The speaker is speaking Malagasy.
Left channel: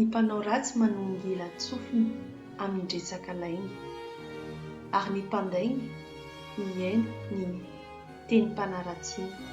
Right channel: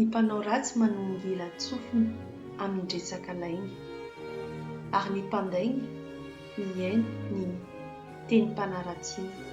Ny mpanao ratsy manonga ilan-tsofina hamindresaka lainy, ary ny mpandainy mihaino ny tenim-panaratsiana.